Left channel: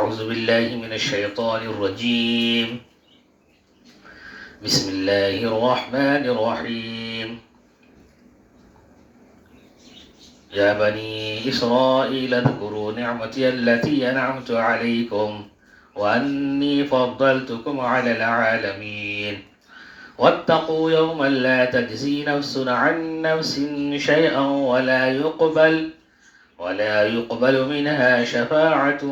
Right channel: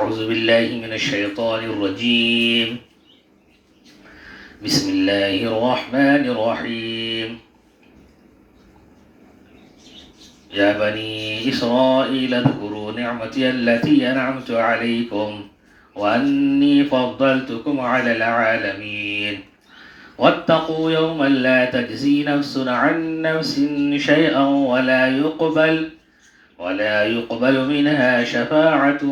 أعوذ بالله من الشيطان الرجيم. بسم الله الرحمن الرحيم. يا بني إسرائيل اذكروا نعمتي التي أنعمت عليكم وأني فضلتكم على العالمين واتقوا يوما لا تجزي نفس عن نفس شيئا ولا يقبل منها شفاعة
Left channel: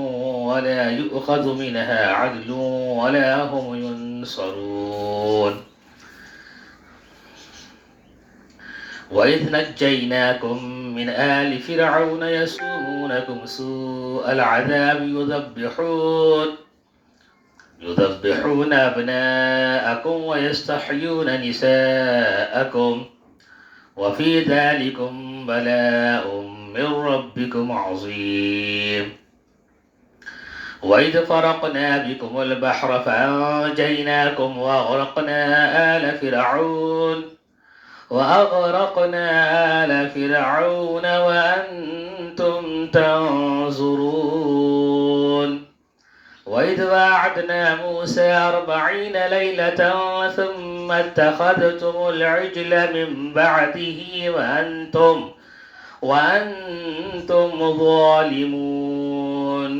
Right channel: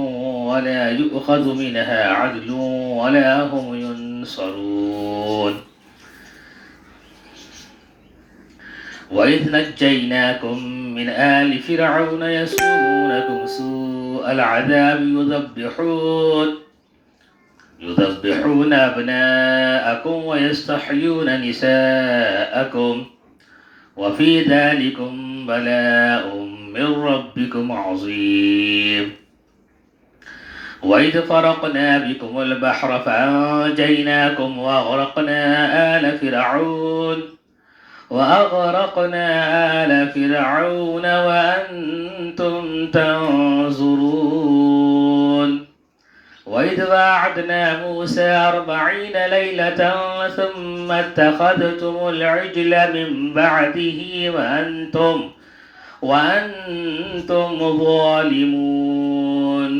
ولا يؤخذ منها عدل ولا هم ينصرون. وإذ نجيناكم من آل فرعون يسومونكم سوء العذاب يذبحون أبناءكم ويستحيون نساءكم وفي ذلكم بلاء من ربكم عظيم. وإذ فرقنا بكم البحر فأنجيناكم وأغرقنا آل فرعون وأنتم تنظرون. وإذ وعدنا موسى 40 ليلة ثم اتخذتم العجل من بعده وأنتم ظالمون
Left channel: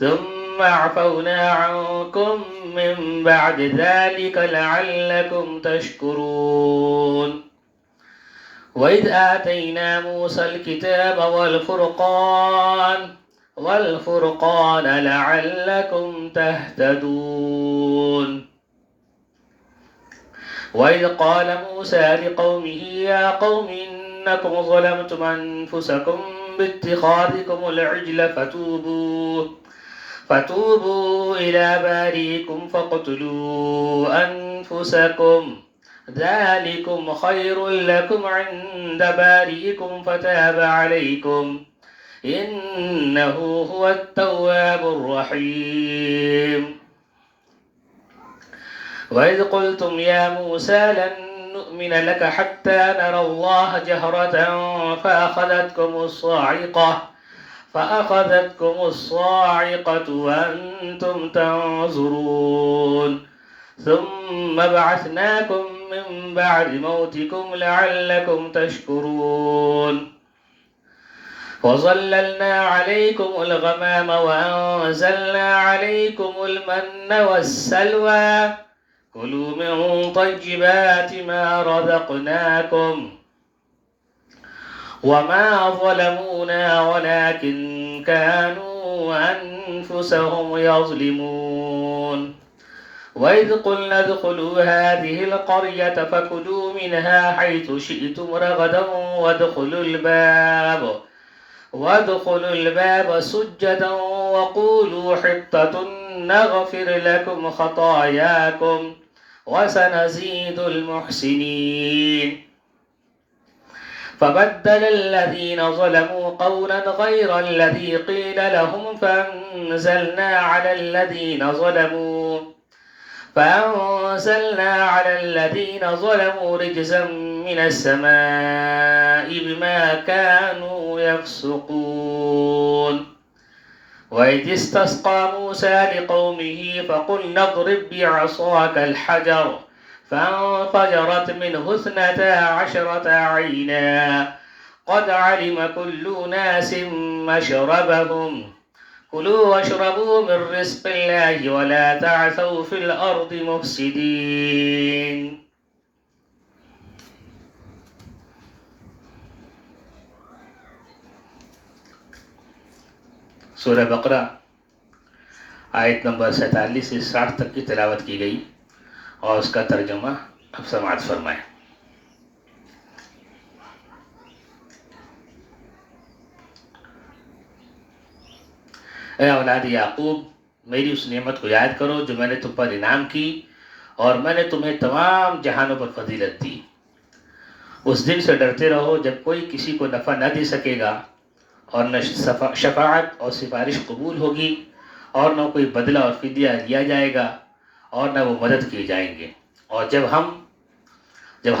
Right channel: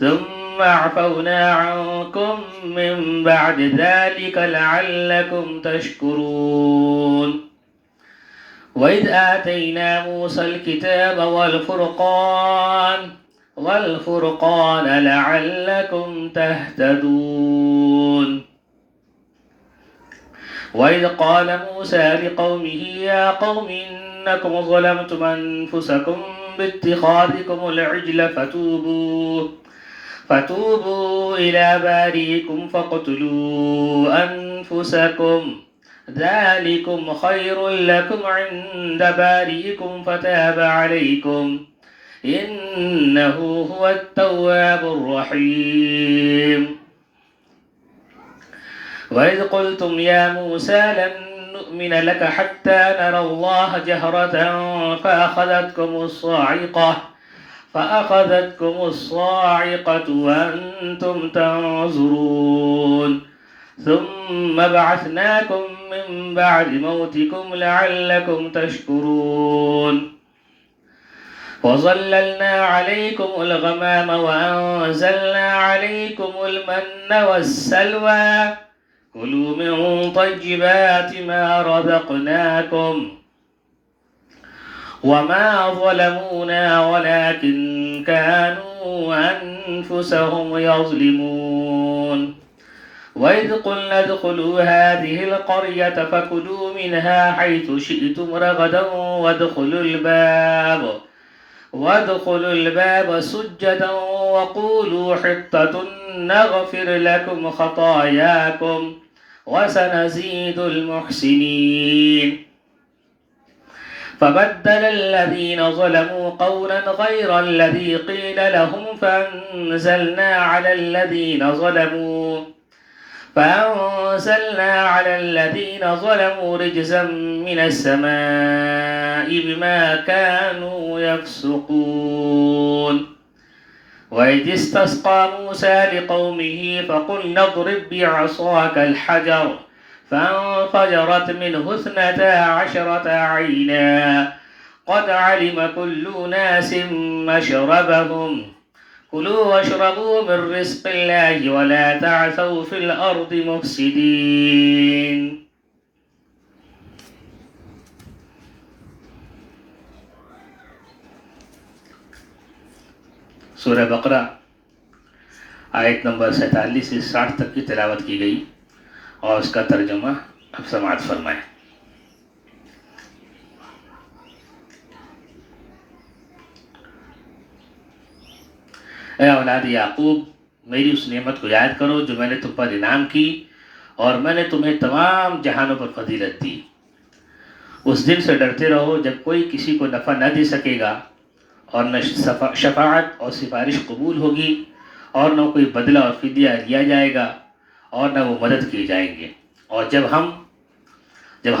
ثم عفونا عنكم من بعد ذلك لعلكم تشكرون. وإذ آتينا موسى الكتاب والفرقان لعلكم تهتدون. وإذ قال موسى لقومه يا قوم إنكم ظلمتم أنفسكم باتخاذكم العجل فتوبوا إلى بارئكم فاقتلوا أنفسكم ذلكم خير لكم عند بارئكم فتاب عليكم إنه هو التواب الرحيم. وإذ قلتم يا موسى لن نؤمن لك حتى نرى الله جهرة فأخذتكم الصاعقة وأنتم تنظرون ثم بعثناكم من بعد موتكم لعلكم تشكرون. وظللنا عليكم الغمام وأنزلنا عليكم المن والسلوى كلوا من طيبات ما رزقناكم وما ظلمونا ولكن كانوا أنفسهم يظلمون. وإذ قلنا ادخلوا هذه القرية فكلوا منها حيث شئتم رغدا وادخلوا الباب سجدا وقولوا حطة نغفر لكم خطاياكم وسنزيد المحسنين. فبدل الذين ظلموا قولا غير الذي قيل لهم فأنزلنا على الذين ظلموا رجزا من السماء بما كانوا يفسقون. وإذ استسقى موسى لقومه فقلنا اضرب بعصاك الحجر فانفجرت منه 12 عينا قد علم كل أناس مشربهم كلوا واشربوا من رزق الله ولا تعثوا في الأرض مفسدين. سورہ بقرہ آیت نمبر 47 سے 60 تک کی تلاوت کی گئی اور اس کا ترجمہ اب سماعت فرمائیں۔ اے اولاد یعقوب، میری اس نعمت کو یاد کرو جو میں نے تم پر انعام کی اور میں نے تمہیں تمام جہانوں پر فضیلت دی۔ اس دن سے ڈرتے رہو جب کوئی کسی کو نفع نہ دے سکے گا اور نہ شفاعت اور سفارش قبول ہوگی اور نہ کوئی بدلہ اور فدیہ لیا جائے گا اور نہ وہ مدد کیے جائیں گے۔ اور جب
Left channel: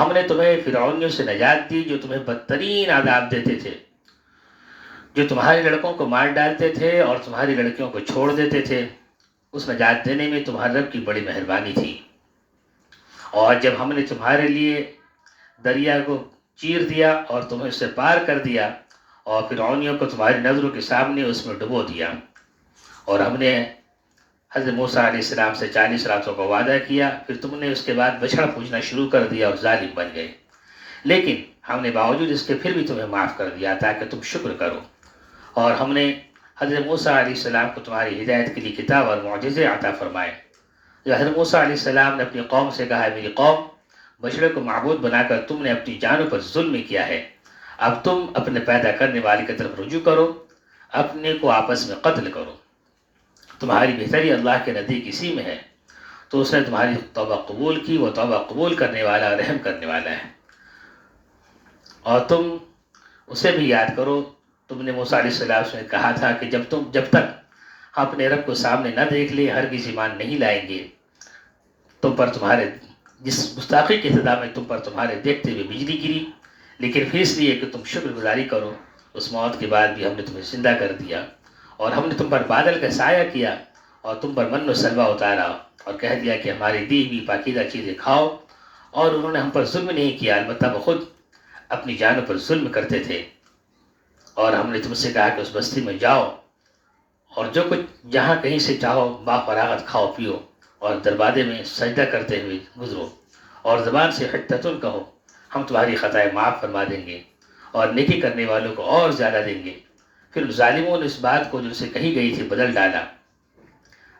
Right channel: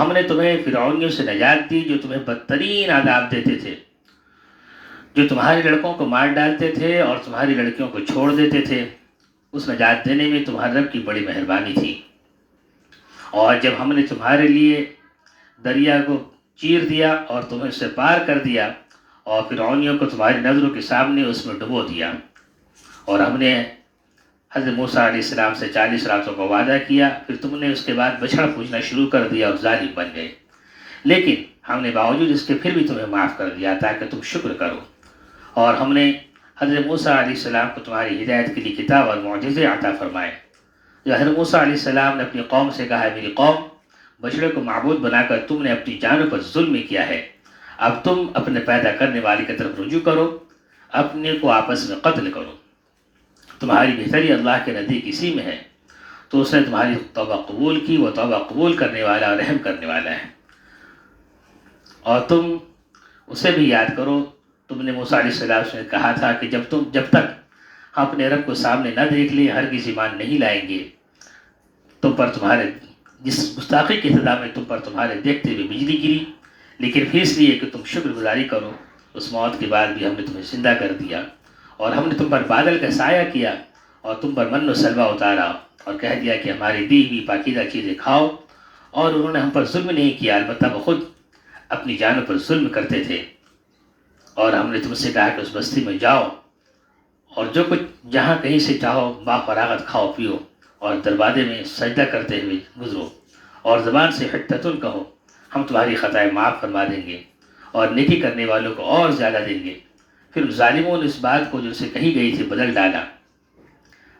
ہم نے تمہیں فرعونیوں سے نجات دی جو تمہیں بدترین عذاب دیتے تھے جو تمہارے لڑکوں کو مار ڈالتے تھے اور تمہاری لڑکیوں کو چھوڑ دیتے تھے، اس نجات دینے میں تمہارے رب کی بڑی مہربانی تھی۔ اور جب ہم نے تمہارے لیے دریا کو چیر دیا اور تمہیں اس سے پار کر دیا اور فرعونیوں کو تمہاری نظروں کے سامنے اس میں ڈبو دیا، اور ہم نے حضرت موسیٰ علیہ السلام سے 40 راتوں کا وعدہ کیا، پھر تم نے اس کے بعد بچھڑا پوجنا شروع کر دیا اور ظالم بن گئے، لیکن ہم نے باوجود اس کے پھر بھی تمہیں معاف کر دیا تاکہ تم شکر کرو۔ اور ہم نے حضرت موسیٰ علیہ السلام کو تمہاری ہدایت کے لیے کتاب اور معجزے عطا فرمائے۔ جو حضرت موسیٰ علیہ السلام نے اپنی قوم سے کہا، میری قوم، بچڑے کو معبود بنا کر تم نے اپنی جانوں پر ظلم کیا ہے، اب تم اپنے پیدا کرنے والے کی طرف رجوع کرو، اپنے کو آپس میں قتل کرو، تمہاری بہتری اللہ کے نزدیک اسی میں ہے، تو اس نے تمہاری توبہ قبول کی، وہ توبہ قبول کرنے والا اور رحم کرنے والا ہے۔ اور تم اسے بھی یاد کرو، تم نے موسیٰ علیہ السلام سے کہا تھا کہ جب تک ہم اپنے رب کو سامنے نہ دیکھ لیں ہرگز ایمان نہیں لائیں گے۔ تم پر تمہارے جس گستاخی کے ابتدا میں تم پر تمہارے دیکھتے ہوئے بجلی گری، لیکن پھر اس لیے کہ تم شکر گزاری کرو، اس موت کے بعد بھی ہم نے تمہیں زندہ کر دیا، اور ہم نے تم پر بادل کا سایہ کیا اور تم پر من و سلوہ اتارا، اور کہہ دیا کہ ہماری دی ہوئی پاکیزہ چیزیں کھاؤ، اور انہوں نے ہم پر ظلم نہیں کیا، البتہ وہ خود اپنی جانوں پر ظلم کرتے تھے۔ اور ہم نے تم سے کہا کہ اس بستی میں جاؤ اور جو کچھ جہاں کہیں سے چاہو با فراغت کھاؤ پیو، اور دروازے میں سجدہ کرتے ہوئے گزرو، اور زبان سے حتتن کہو، ہم تمہاری خطائیں معاف فرما دیں گے اور نیکی کرنے والوں کو اور زیادہ دیں گے۔ پھر ظالموں نے اس بات کو جو سے کہی گئی تھی بدل ڈالا،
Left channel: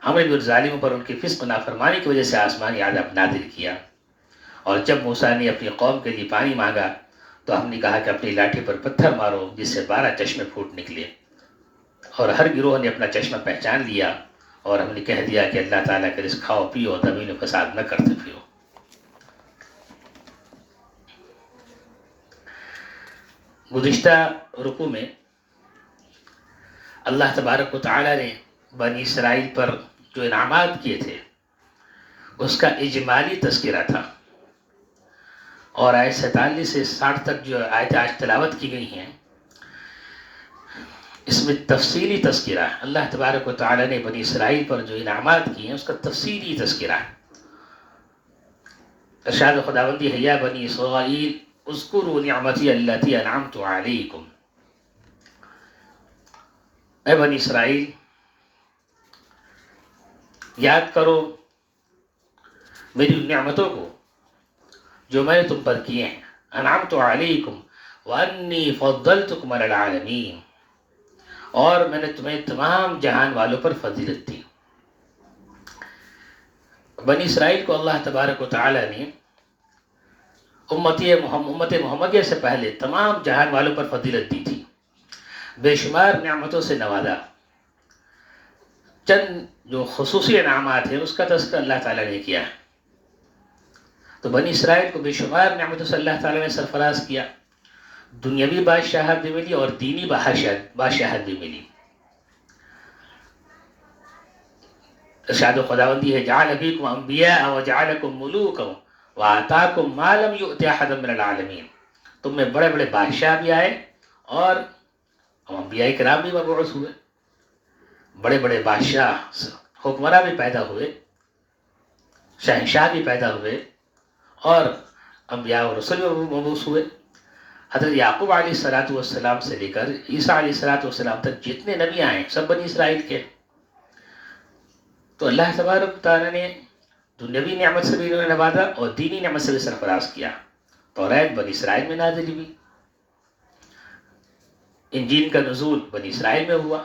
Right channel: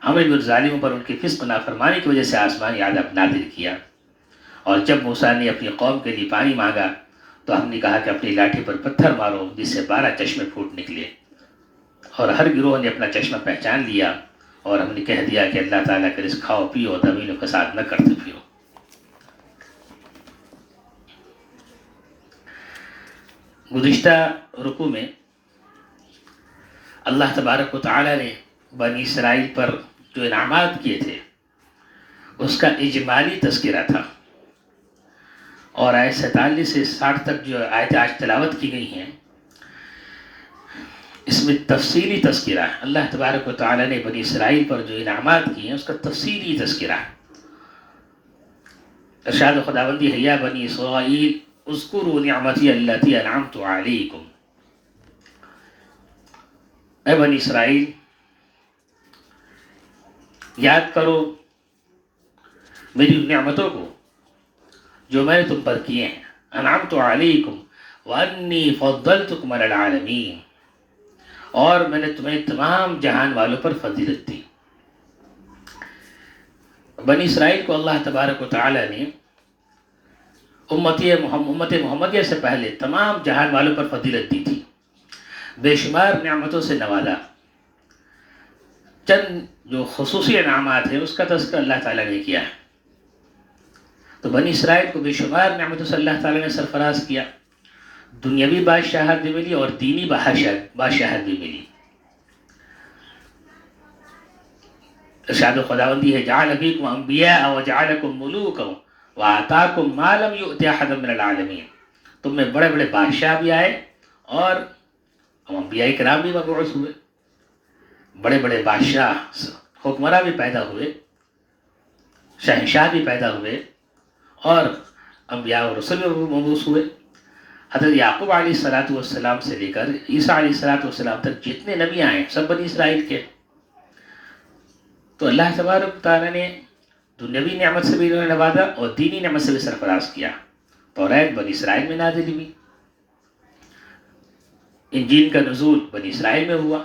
ہم نے بھی ظالموں پر ان کی فسق نافرمانی کی وجہ سے آسمانی عذاب نازل کیا۔ اور جب موسیٰ نے اپنی قوم کے لیے پانی مانگا تو ہم نے کہا کہ اپنی لاٹھی پر پتھر مارو جس سے 12 چشمے پھوٹ نکلے، اور ہر گروہ نے اپنا چشمہ پہچان لیا، اور ہم نے کہہ دیا کہ اللہ تعالیٰ کے رزق کھاؤ پیو، زمین میں فساد نہ کرتے پھرو۔ گزشتہ رکوع میں اللہ تبارک و تعالیٰ نے بنی اسرائیل پر جو انعامات کیے تھے اس کا اجمالی تذکرہ تھا، اور آیت 47 سے 60 تک جو آیتیں آج تلاوت کی گئی ہیں اس میں تفصیلی تذکرہ ہے۔ اللہ تبارک و تعالیٰ نے بنی اسرائیل پر جو انعامات کیے ہیں اس کا تفصیلی تذکرہ ہے۔ ارشاد خداوندی ہے، یا بنی اسرائیل اذکروا نعمتی التی انعمت علیکم، اے بنی اسرائیل یاد کرو میری نعمتوں کو جو میں نے تم پر کیے ہیں، انعمت علیکم وانی فضلتکم علی العالمین، اور میں نے تمہیں تمام جہان والوں پر فضیلت دی۔ بنی اسرائیل کو اللہ تبارک و تعالی نے امت محمدیہ سے پہلے تمام جہان والوں پر فضیلت دی تھی، بے شمار نعمتوں سے نوازا۔ چند جو خصوصی انعامات ہیں اس کا تذکرہ اللہ تعالیٰ نے کیا ہے۔ تو بنی اسرائیل کو بے شمار نعمتوں سے اللہ تعالیٰ نے سرفراز کیا، دنیاوی بادشاہت بھی ملی اور دینی بادشاہت بھی ملی۔ ارشاد خداوندی ہے، جعل فیکم انبیاء وجعلکم ملوکا وآتاکم ما لم یؤت احدا من العالمین، تم میں بڑے بڑے بادشاہ بھی آئے اور انبیاء کرام بھی مبعوث ہوئے، بڑے بڑے بادشاہ حکمراں بھی پیدا ہوئے، شہنشاہ بھی پیدا ہوئے، اور انبیاء و رسول بھی مبعوث ہوئے۔ حضرت یعقوب علیہ السلام سے لے کر عیسیٰ علیہ السلام تک جتنے نبی آئے سب بنی اسرائیل کے۔ تو اللہ تبارک تعالیٰ نے دنیاوی نعمت سے بھی انہوں نے نوازا اور دینی نعمت سے بھی سرفراز کیا۔ توریت بنی اسرائیل میں نازل ہوئی، انجیل کا نزول بنی اسرائیل میں ہوا،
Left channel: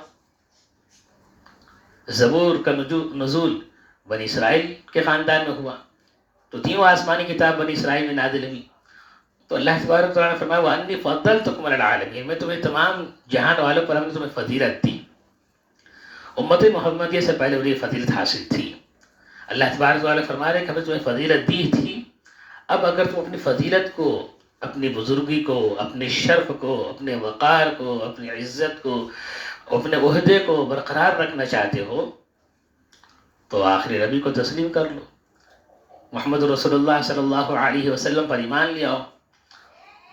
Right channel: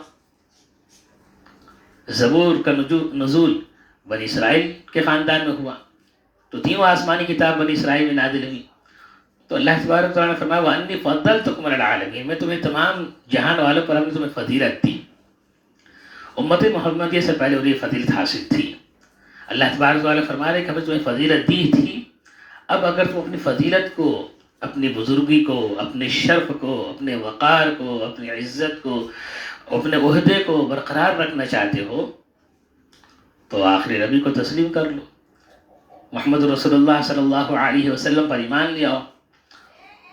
زبور کا نزول بنی اسرائیل کے خاندان میں ہوا، تو تینوں آسمانی کتاب بنی اسرائیل میں نازل ہوئی۔ تو اللہ تبارک تعالیٰ نے فرمایا وَأَنِّي فَضَّلْتُكُمْ عَلَى الْعَالَمِينَ، میں تمہیں تمام جہان والوں پر ہم نے تمہیں فضیلت دی۔ امت محمدیہ سے پہلے انہیں فضیلت حاصل تھی۔ اللہ تبارک تعالیٰ فرما رہے کہ ہمیں تمہیں فضیلت دی تھی، اب اگر تم اپنی فضیلت کو، اپنی بزرگی کو، اپنے شرف کو، اپنے وقار کو، اپنی عزت کو، اپنے عہدے کو برقرار رکھنا چاہتے ہو تو آخری نبی کو تسلیم کر لو، محمد رسول اللہ صلی اللہ علیہ وسلم پر ایمان لے آؤ،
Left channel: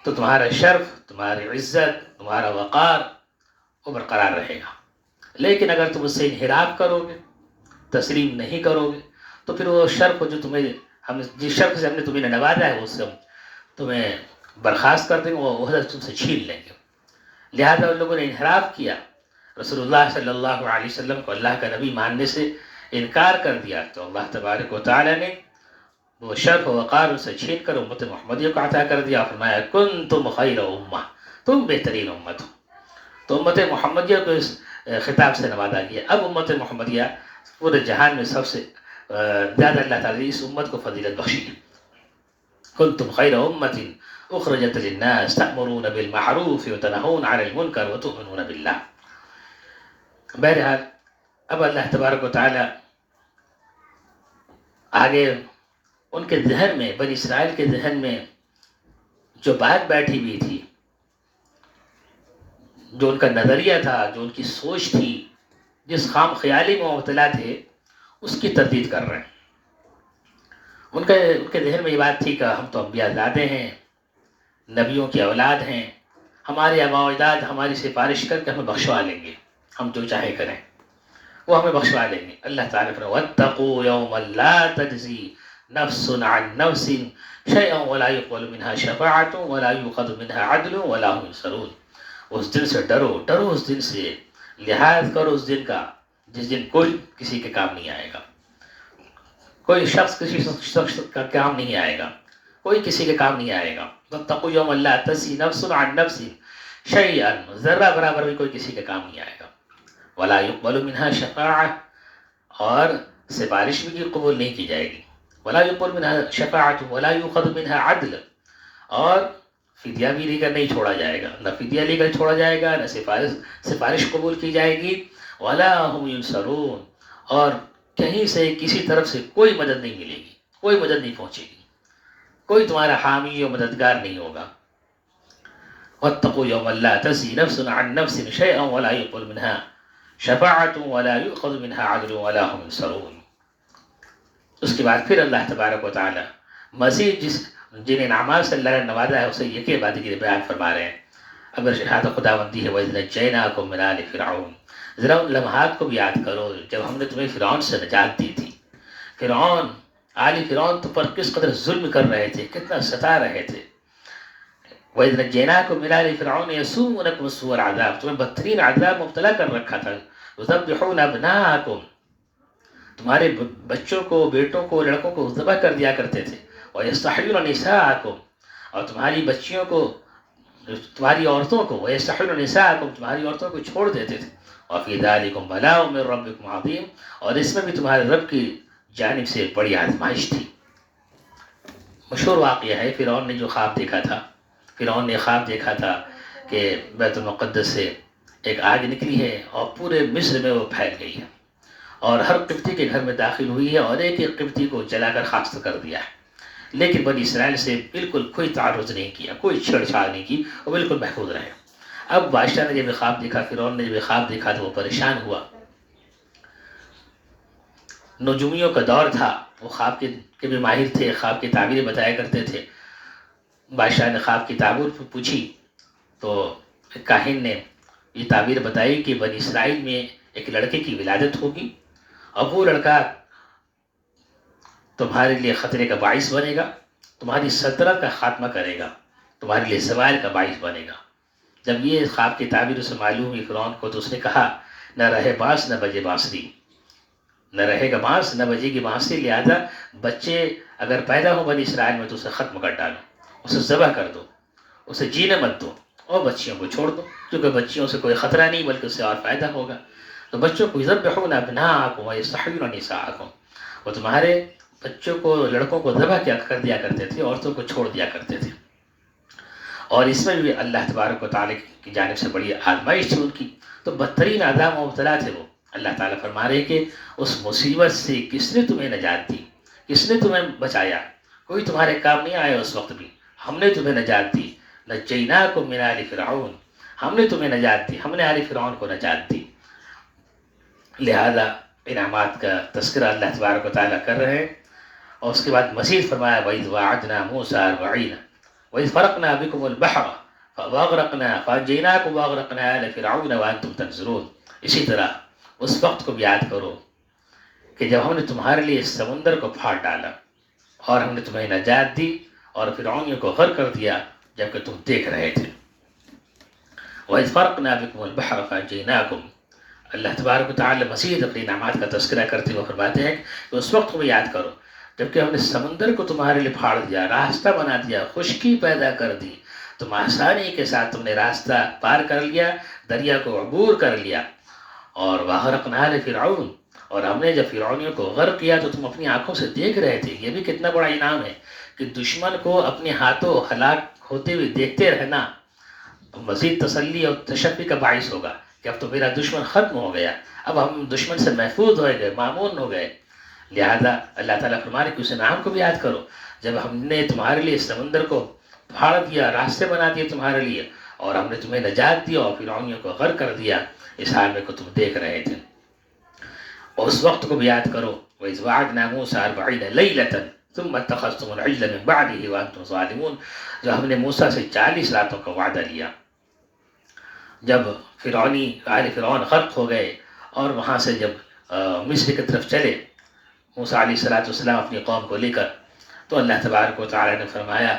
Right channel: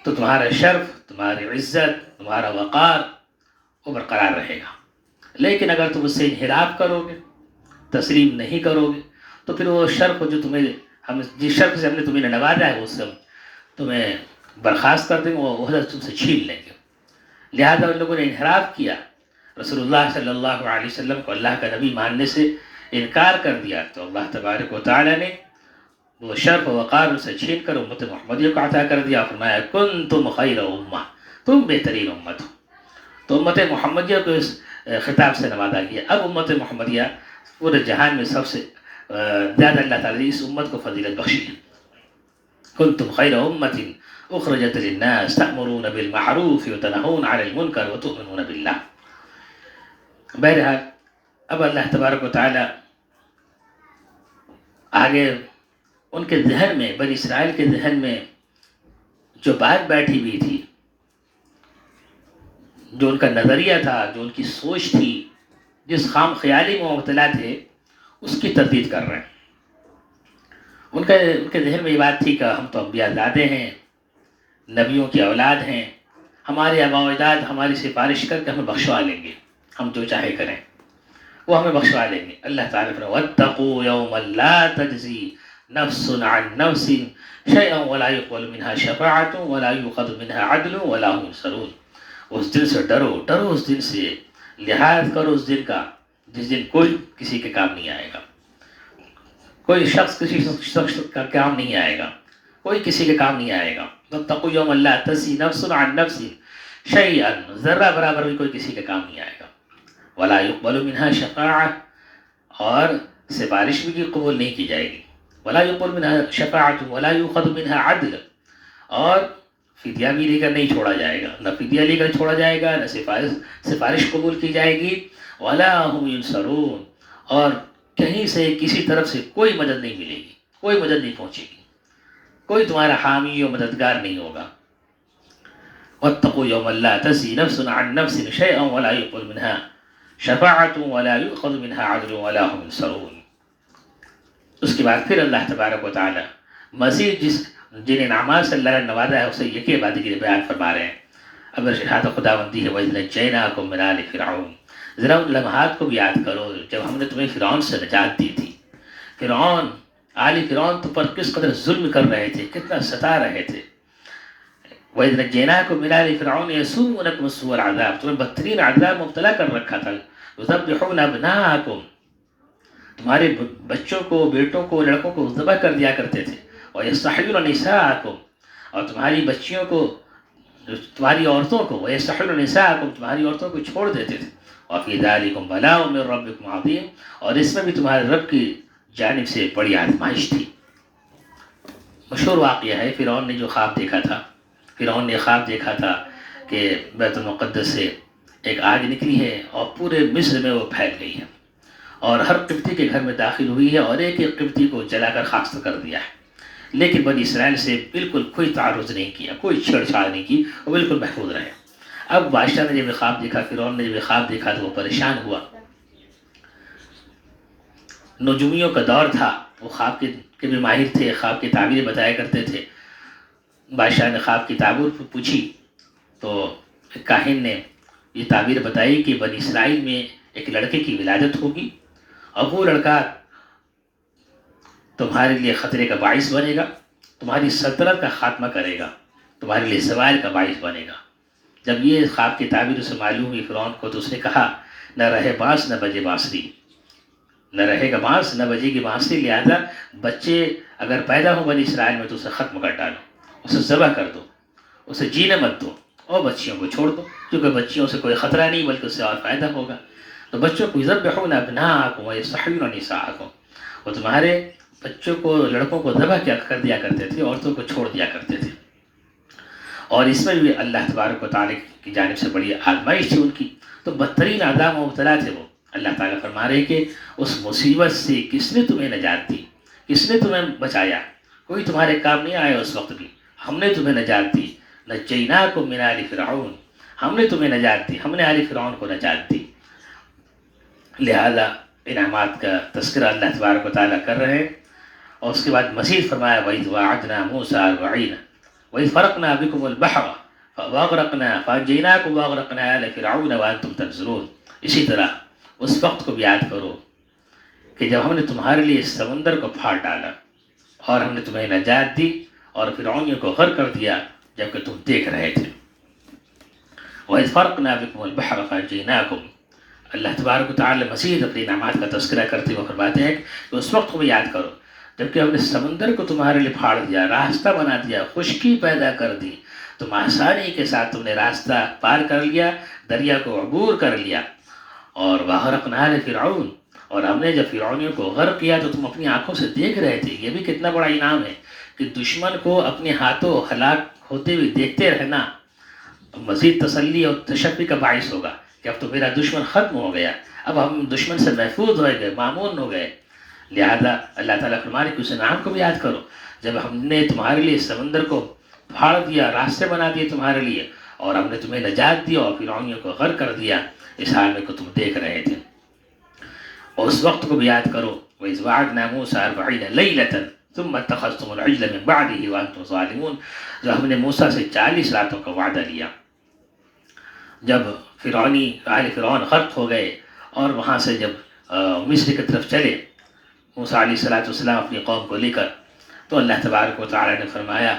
تو تمہارا شرف، تمہاری عزت، تمہارا وقار وہ برقرار رہے گا. لیکن اگر تم اس سے انحراف کرو گے، تسلیم نہیں کرو گے، تو پھر وہ شر کو جو جس شر سے ہم نے تمہیں نوازا ہے، اس سے ہم تمہیں برخاست کر دیں گے، وہ عہدہ تم سے چھین لیں گے. لہذا ان لوگوں نے انحراف کیا، رسول اللہ صلی اللہ علیہ وسلم کو اللہ کا نبی ماننے سے انکار کر دیا، تو اللہ تبارک و تعالیٰ نے وہ شرف و وقار اسے چھین کر امت محمدیہ کو عطا کر دیا. فرمایا کنتم خیر امہ، تم بہترین امت ہو. تو امت محمدیہ کو اس خطاب سے نوازا گیا. اب امت محمدیہ پورے جہان میں سب سے زیادہ اللہ تعالیٰ نے اس امت کو فضیلت بخشی ہے. کنتم خیر امت اخرجت للناس تأمرون بالمعروف وتنہون عن المنکر وتؤمنون باللہ. بہرحال اب اللہ تبارک و تعالیٰ آگے ان کے ذہن میں، بنی اسرائیل کے ذہن میں جو بات بیٹھی ہوئی تھی، جو ان کا نظریہ تھا، جو ان کی سوچ تھی، جس خام خیالی میں مبتلا تھے، اس کی تردید کر رہے ہیں. ان کے ذہن میں یہ بات تھی کہ ہم تو انبیاء زادے ہیں، نبیوں کی اولاد ہیں، ہمارے آباء و اجداد ہماری سفارش کر کے ہمیں بخشوا لیں گے، ہم جو چاہے کریں وہ ہمیں بخشوا لیں گے. اللہ تعالیٰ فرمایا واتقوا یوما لا تجزی نفس عن نفس شیئا ولا يقبل منها شفاعة ولا يؤخذ منها عدل ولا هم ينصرون. اس دن سے ڈرو اس دن سے، لحاظ کرو اس دن کا جس دن کوئی کسی کے کام نہیں آئے گا، کوئی شخص کسی شخص کا کام نہیں آئے گا، کوئی کسی کے کام نہیں آئے گا. واتقوا یوما لا تجزی نفس عن نفس شیئا، ذرہ برابر بھی کوئی کسی کے کام نہیں آئے گا. ولا يقبل منها شفاعة، اور سفارش بھی قبول نہیں کی جائے گی. ولا يقبل منها شفاعة ولا يؤخذ منها عدل، اور فدیہ بھی لے کر نہیں چھوڑا جائے گا، نہ فدیہ لے کر چھوڑا جائے گا، نہ سفارش قبول کی جائے گی. ولا هم ينصرون، اور کہیں سے کسی طرف سے کوئی مدد نہیں ملے گی، کوئی مدد نہیں پہنچے گی، کوئی تمہارا حامی و مددگار نہیں ہوگا. واتقوا يوما لا تجزي نفس عن نفس شيئا ولا يقبل منها شفاعة ولا يؤخذ منها عدل ولا هم ينصرون. اس کے بعد پھر اللہ تبارک و تعالی مزید جن انعامات سے اللہ نے نوازا ہے اسے یکی بعد کے بیان فرما رہے ہیں. اگر شہادت خداوندی ہے وَإِذْ نَجَّيْنَاكُم مِّنْ آلِ فِرْعَوْنَ، ذرا ان لمحات کو بھی یاد کرو جب ہم نے تمہیں فرعون سے نجات دی تھی. فرعون تو پر کس قدر ظلم کر رہے تھے، کتنا ستا رہے تھے. وَإِذْ نَجَّيْنَاكُم مِّنْ آلِ فِرْعَوْنَ يَسُومُونَكُمْ سُوءَ الْعَذَابِ، تمہیں بدترین عذاب مبتلا کر رکھا تھا. يُذَبِّحُونَ أَبْنَاءَكُمْ، تمہارے بچوں کو، بیٹوں کو، لڑکوں کو ذبح کر دیا کرتے تھے. وَيَسْتَحْيُونَ نِسَاءَكُمْ، اور تمہاری بچیوں کو، تمہاری عورتوں کو، وَيَسْتَحْيُونَ نِسَاءَكُمْ، تمہاری عورتوں کو چھوڑ دیتے تھے. وَفِي ذَلِكُمْ بَلَاءٌ مِّن رَّبِّكُمْ عَظِيمٌ، اور اس میں بھی تمہارے رب کی جانب سے بڑی آزمائش تھی. مشہور واقعہ ہے فرعون نے جو خواب دیکھا تھا. فرعون نے خواب دیکھا تھا کہ بیت المقدس سے ایک آگ نکلی ہے اور پورے مصر میں وہ پھیل گئی ہے اور ہر قبطی کے گھر میں داخل ہوئی ہے اور ایک ایک قبطی کو جلا کر خاک کر دیا ہے. لیکن بنی اسرائیل سے بالکل کوئی تعرض نہیں کیا، کوئی چھیڑ چھاڑ نہیں کی، وہ بالکل محفوظ رہے. اب بادشاہ نے جب خواب دیکھا، فرعون نے جب خواب دیکھا تو وہ پریشان ہوا. نجومیوں کا دور تھا، وہ خواب کے بھی ماہر تھے، خواب کی تعبیریں بتایا کرتے تھے. بادشاہ نے خواب کی تعبیر پوچھی تو کاہن نے یہ تعبیر بتائی کہ بنی اسرائیل میں ایک لڑکے کی ولادت ہوگی اور وہ لڑکا تمہارے لیے خطرے کا باعث بنے گا، تمہاری سلطنت کا خاتمہ کرے گا، تمہارے لیے زوال کا باعث بنے گا. جب یہ خواب کی تعبیر اسے معلوم ہوئی فرعون کو تو اس نے کہا نہ رہے بانس نہ بجے بانسری، نہ رہے گا بانس نہ بجے گی بانسری. لہذا بچے اگر پیدا ہو بنی اسرائیل میں تو اسے ختم کر ڈالو، اسے ذبح کر دو، اسے جینے مت دو اور بچیوں کو چھوڑ دو، کیونکہ بچیوں سے کوئی خطرہ نہیں بلکہ اس سے اور فائدہ ہوگا. تو بچوں کو یذبحون ابناءکم ویستحیون نساءکم، وہ تمہارے بچوں کو، لڑکوں کو ذبح کر دیا کرتے تھے، عورتوں کو چھوڑ دیا کرتے تھے. اور اس میں بھی اللہ تبارک و تعالیٰ کی جانب سے بڑی آزمائش تھی ان کی، تو بدترین عذاب مبتلا تھے وہ. اللہ تعالیٰ فرما رہے کہ اس مصیبت سے کس نے تمہیں نجات دی، کس نے تمہیں بچایا، کوئی تمہارے کام نہیں آیا اس وقت بھی، ہم نے تمہیں نجات دی. نجیناکم من آل فرعون، ہم نے تمہیں نجات دی، ہم نے آل فرعون کو نجات دی. لہذا انعامات کا تذکرہ اللہ تبارک و تعالیٰ کر رہے ہیں. اور اس کے بعد مزید فرمایا وَإِذْ وَعَدْنَا مُوسَىٰ 40 وَإِذْ فَرَقْنَا بِكُمُ الْبَحْرَ واغرقنا فانجیناکم واغرقنا آل فرعون وانتم تنظرون. اسی طرح اس وقت کو بھی یاد کرو کہ جب ہم نے تمہارے لیے اس سمندر کو پھاڑ ڈالا اور ہم نے تمہیں نجات دی اور فرعونیوں کو غرق کر دیا جبکہ تم دیکھ رہے تھے. وَإِذْ فَرَقْنَا بِكُمُ الْبَحْرَ فَأَنجَيْنَاكُمْ. اللہ تبارک و تعالی مزید اپنی نعمات کا تذکرہ کرتے ہوئے فرماتے ہیں کہ اس وقت کو بھی یاد کرو جبکہ ہم نے سمندر کو تمہارے لیے پھاڑ دیا، راستہ بنا دیا، خشکی پیدا کر دی، تم آسانی کے ساتھ تم نے راستہ پار کر لیا، دریا کو عبور کر لیا. اور وَأَغْرَقْنَا آلَ فِرْعَوْنَ، اور ہم نے جب فرعونیوں کو غرق کیا تو تم اپنی آنکھوں سے دیکھ رہے تھے. یہ بھی کتنا بڑا انعام ہے کہ دشمن کو اپنے ہاتھوں ہلاک ہوتے ہوئے دیکھتے رہنا مزید تسلی اور تشفی کا باعث ہوگا کہ اب تو میرا دشمن ختم ہو گیا، اب ہم دشمن سے محفوظ ہو گئے، مامون ہو گئے. لہذا اللہ تعالیٰ فرمانے کہ اس انعام کو بھی یاد کرو جب ہم نے تمہارے لیے سمندر کو پھاڑ دیا، راستے بنا دیے تمہارے لیے، اور ہم نے تمہیں نجات دیا اور فرعونیوں کو غرق کر دیا اس حال میں کو تم دیکھ رہے تھے. اور اس وقت کو بھی یاد کرو وَإِذْ وَعَدْنَا مُوسَىٰ 40 لَيْلَةً ثُمَّ اتَّخَذْتُمُ الْعِجْلَ مِن بَعْدِهِ وَأَنْتُمْ ظَالِمُونَ. جو ہم نے موسیٰ سے 40 راتوں کا وعدہ لیا جب آل فرعون غرق ہو گئے اور وہاں سے جب مصر کی طرف چلے موسیٰ علیہ السلام اپنی قوم کو لے کر، تو اللہ تبارک و تعالیٰ نے فرمایا،